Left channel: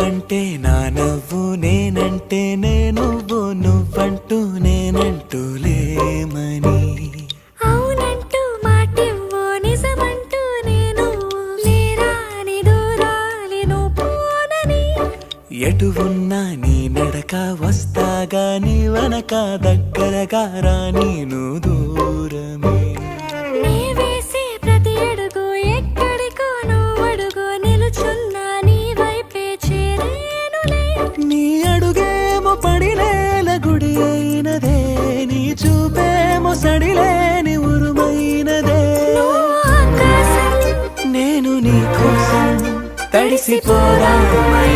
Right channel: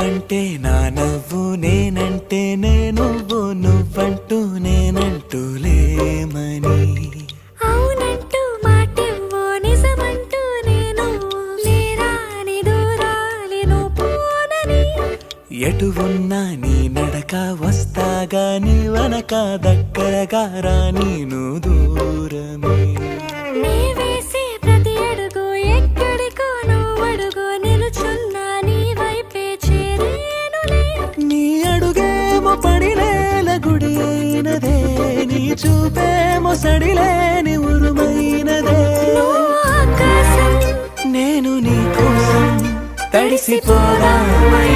నువ్వంటే నా నవ్వు, నేనంటే నువ్వు, నువ్వంటూ నేనంటూ లేమని. అవునంటూ మాటివ్వు, నిజమంటూ నేను లేరాని దూరాలి నువ్వు పోనని. ఎటు ఉన్నా నీ నడక, వస్తాగా నీ వనక, దగ్గరగా రాని నువ్వు దూరమే. నీ వేసే ప్రతి అడుగు ఎక్కడికో నువ్వు అడుగు, నిలుచున్నా నీ వైపే చేరేనులే. నీ అడుగేమో పడిలేల గుడి అయినదే, నీ చూపేమో సడిలేని ఉరుమైనదే. నువ్వు ఆకాశం, నేను నీ కోసం తడిసిపోదామై